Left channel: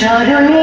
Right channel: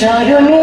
চরণে